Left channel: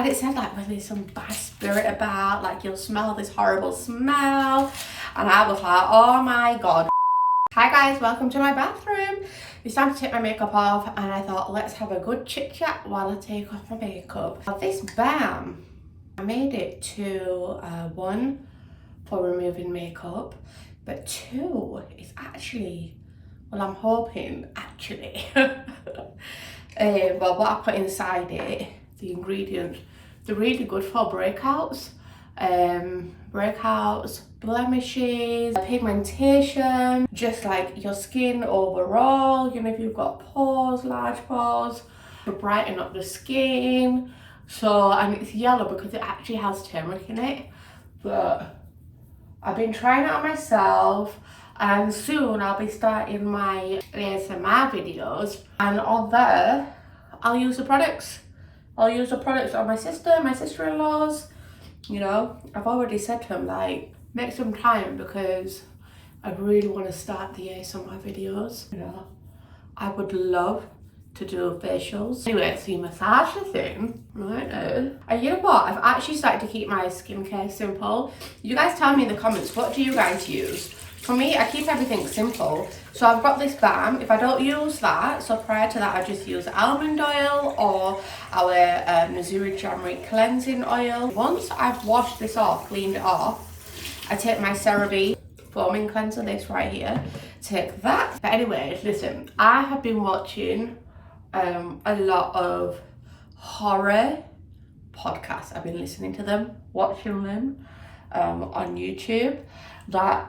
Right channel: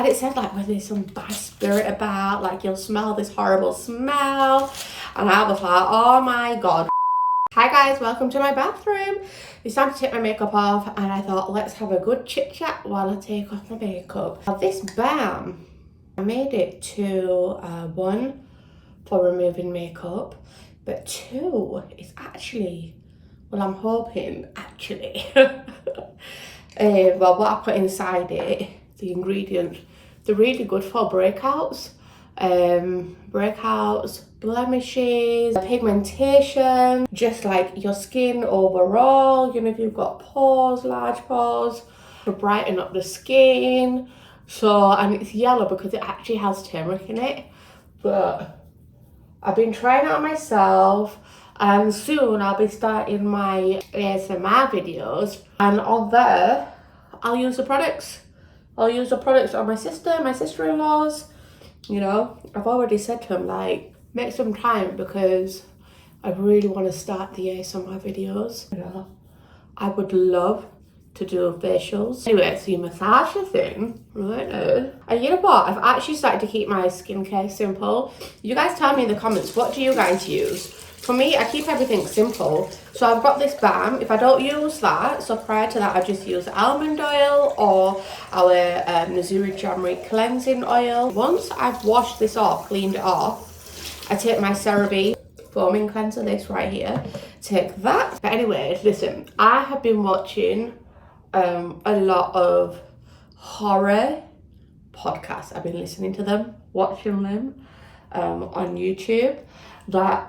And it said like when there's some bad spirit about, like you'll smell this horrible smell. And I was like, oh my God. Hi guys, welcome to my bathroom. It's time to take my makeup off and I thought let's have a good chit chat while I take off my makeup. Now, this balm, I made it to one for removing makeup, but two is actually, well I'm hoping actually, well what I put inside it, the ingredients, they're really good for breakouts. Breakouts, blemishes, pigmentation, just like your skin overall, you know, if you've got pores, large pores, to brighten up the skin. So, and it's yellow because it actually has turmeric in it, but I've been trying it out myself, and soon I'll be starting my ASMR videos, and on there I'll use the products. I'll use the products on my sister, my sister-in-laws. You know, I've already said to him, like, make some time because I really want to start the ASMR videos. You know, I would love to do facials. Anyway, so you massage the thing right now. And you know what? I've actually started to keep my skincare simple. You guys tell me in the comments, what do you guys use? For me, I keep everything simple. So I've got this balm. If I don't use that, so prior to that, I just use almond oil or our Nazuri January cleansing oil. Once I've washed this off, cleaned it off, I take my CeraVe foaming cleanser, this right here, take that. But anyways, listen, I have been watching a lot of horror podcasts. I've been listening to them, watching them on YouTube, that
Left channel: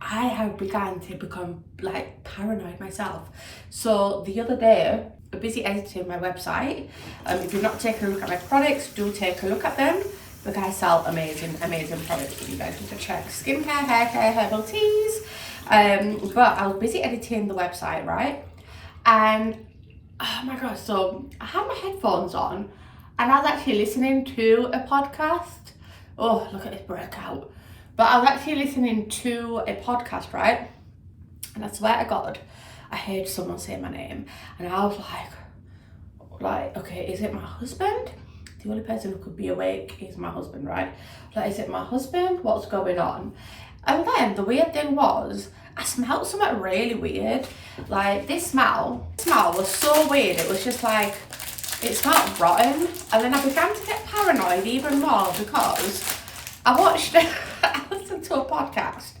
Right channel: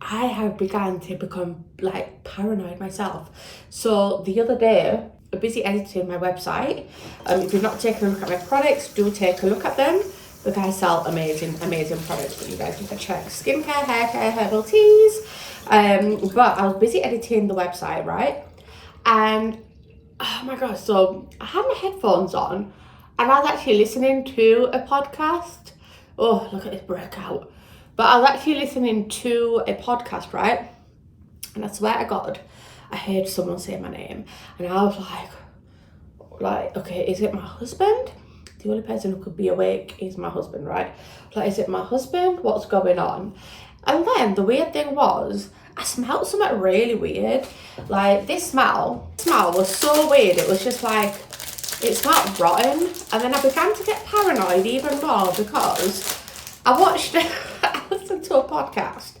I have begun to become like paranoid myself. So the other day, I'm busy editing my website. If you've not taken a look at my products, do take a look at them. The guys sell amazing products that you guys need to check. Skincare, hair care, herbal teas. But I was busy editing the website, right? And oh my gosh, so I had my headphones on and I was actually listening to a podcast. Oh, look at this breakout. But I was actually listening to a podcast, right? And I swear to God, I heard someone say my name. And I was like, okay, is it my husband? The only person who could be awake is my husband, right? Like, is it my husband? What's going on? And then the weird thing was, I smelled something really weird. Like, this smell was so weird. It was just like, it smelled rotten. And then I began to get paranoid even more because I watched, I listened to a podcast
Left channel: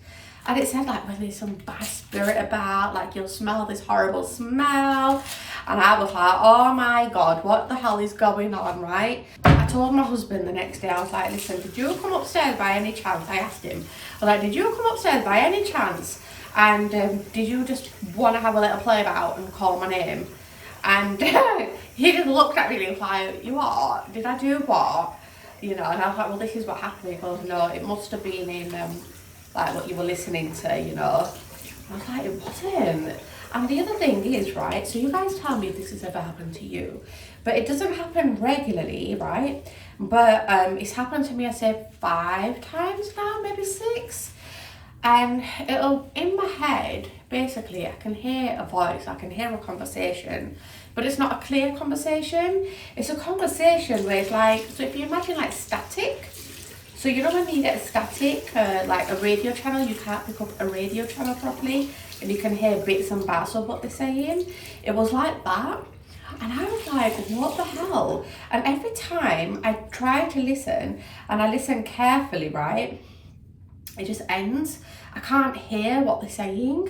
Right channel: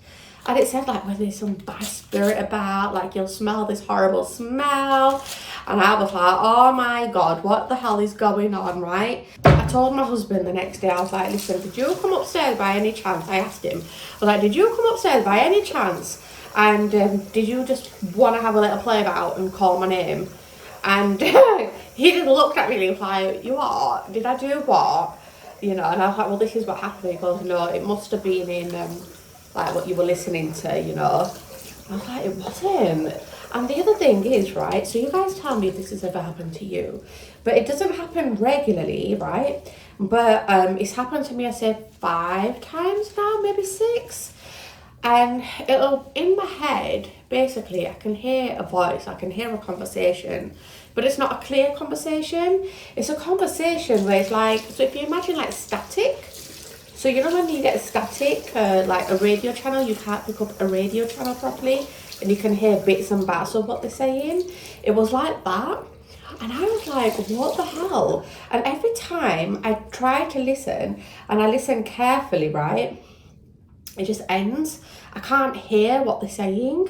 and it said like when there's some bad spirit about, like you'll smell this horrible smell. And I was like, oh my God, what the hell is going on, right? I told my husband the next day, I was like, listen, did you come upstairs by any chance? I asked him, I was like, did you come upstairs by any chance? And did you just want to have a little play about and call my name? And he just looked at me like, you what? Did I do what? You know, and I was like, well, this is what happened. He goes, no, it must have been in like what you were listening to, you know. I was like, it wasn't. And the other thing is, right, so you guys tell me if this has ever happened to you, but it doesn't happen regularly, right? But it's happened to me, I say 5 times now, maybe 6. And it'll, in my head, basically, I can hear a voice, I can hear a conversation, but it's not a clear conversation. It's a conversation where it's like, so if you imagine like static, so you know when you get static, like a radio channel, you can't pick up a radio channel properly, and you can hear bits and bats of what they're saying. It was like that. And I was like, what the hell? And every time I try to listen, and I listen carefully, right, it just ends. I can't hear what they're saying.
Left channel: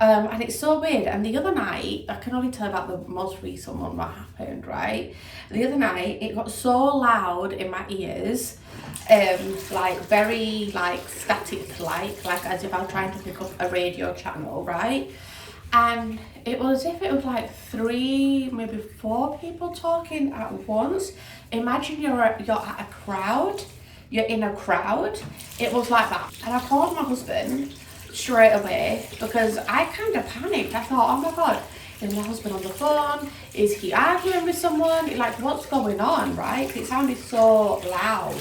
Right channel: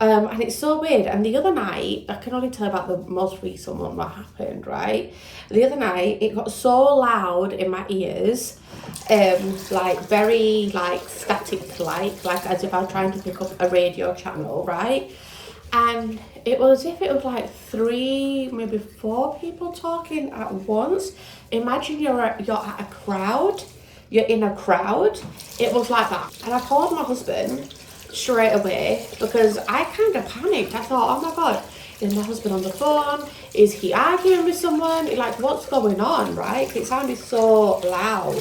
And it's so weird. And the other night, I can only tell about the most recent one that happened, right? The other night, it got so loud in my ears, like very like static, like as if I was trying to pick up a radio channel, right? And it was as if it was like 3, maybe 4 people talking at once. Imagine you're at a crowd. You're in a crowd. It was like that. And I called my husband straight away because I kind of panicked. I thought, oh my God, is my husband on the phone? Is he arguing with someone? Like, what's going on, right? It sounded so loud.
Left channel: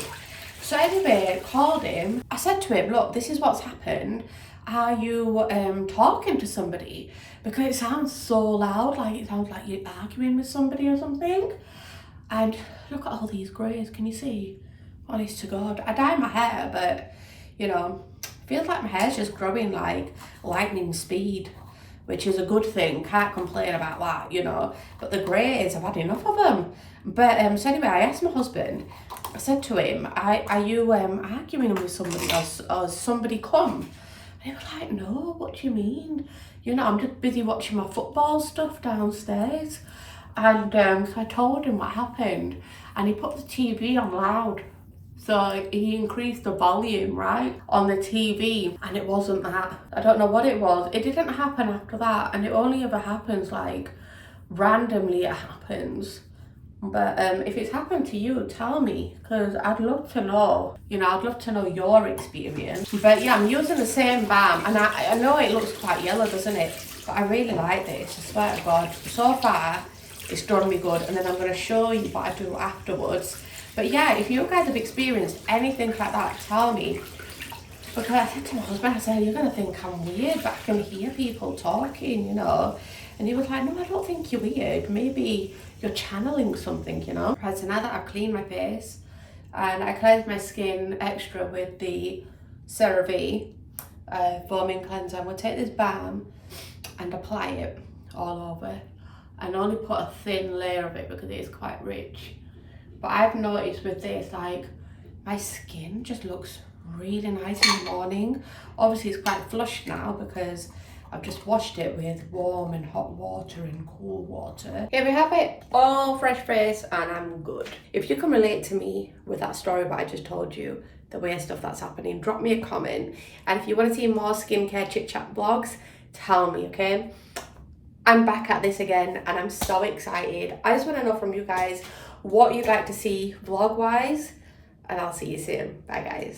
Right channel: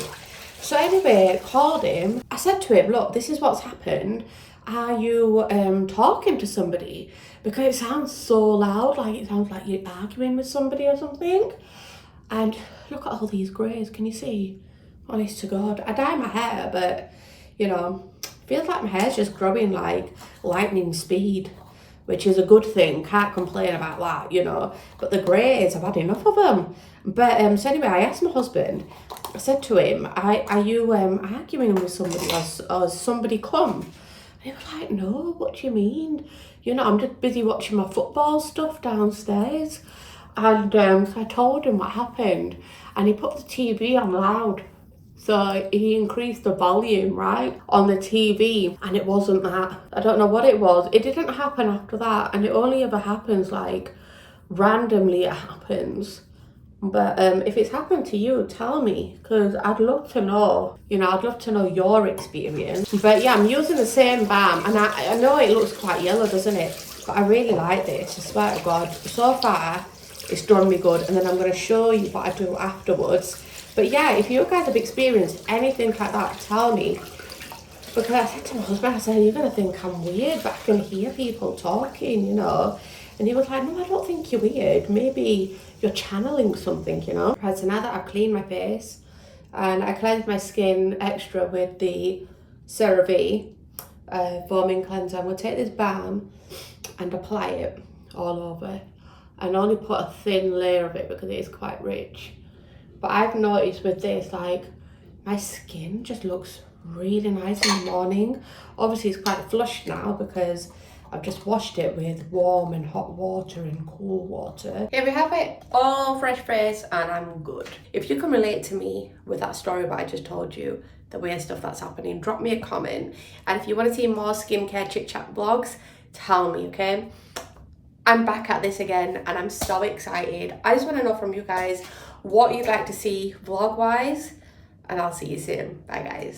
So anyway, called him. I said to him, look, this is what's happened. Are you talking to somebody? Because it sounds so loud, like it sounds like you're arguing with somebody or something. And look at all these greys, can you see? Honest to God. I dye my hair, but you know, feels like my hair's just growing like lightning speed, which is a good thing. Can't complain about that, you know. But the greys, I've had enough of them. But so anyway, I asked my husband, I said to him, are you arguing with somebody, or has somebody come? And he was like, no, what do you mean? You know, I'm just busy watching my football stuff downstairs. And so I told him what happened, and he put the TV on loud. So he increased the volume, right, on the TV, and it wasn't that. I don't know what it was. It didn't happen after that, and it only ever happens like randomly it happens. But if it's happened to you, tell me, because I'd love to know. You know, I'd love to know your experience. But yeah, I'm using the same balm, and I know it looks quite yellow, doesn't it? But I really like this, I swear to God. So far, it's done me good, and then I'm going to show you what I do afterwards. But yeah, if you guys have experienced anything like that, tell me. Because I said to my husband, I said, you're going to think I'm weird, but I can hear people talking, you know. And he was like, no, I don't think you're weird. Maybe you're channeling something, you know. Right, so now that I've cleaned my face and I cleansed my skin extra with the CeraVe foaming cleanser, I'm going to take this balm and apply it all over. And only put a thin layer of it because it is quite rich. But I've noticed with this, like, my skin just looks really nice in the morning. Obviously it's quite flushed now because I've just washed it with warm and hot water and cool water. Here we have it, all fresh face, and I'm good. If you can relate to me with that story that I just told you, the weird stuff that's happening, drop me a comment. And if you want to see more skincare chit chat vlogs, tell me, okay? I'm back at this again and I'm so excited. I just want to know from you guys what you'd like to see vlog wise, and I'll see you soon. Bye guys.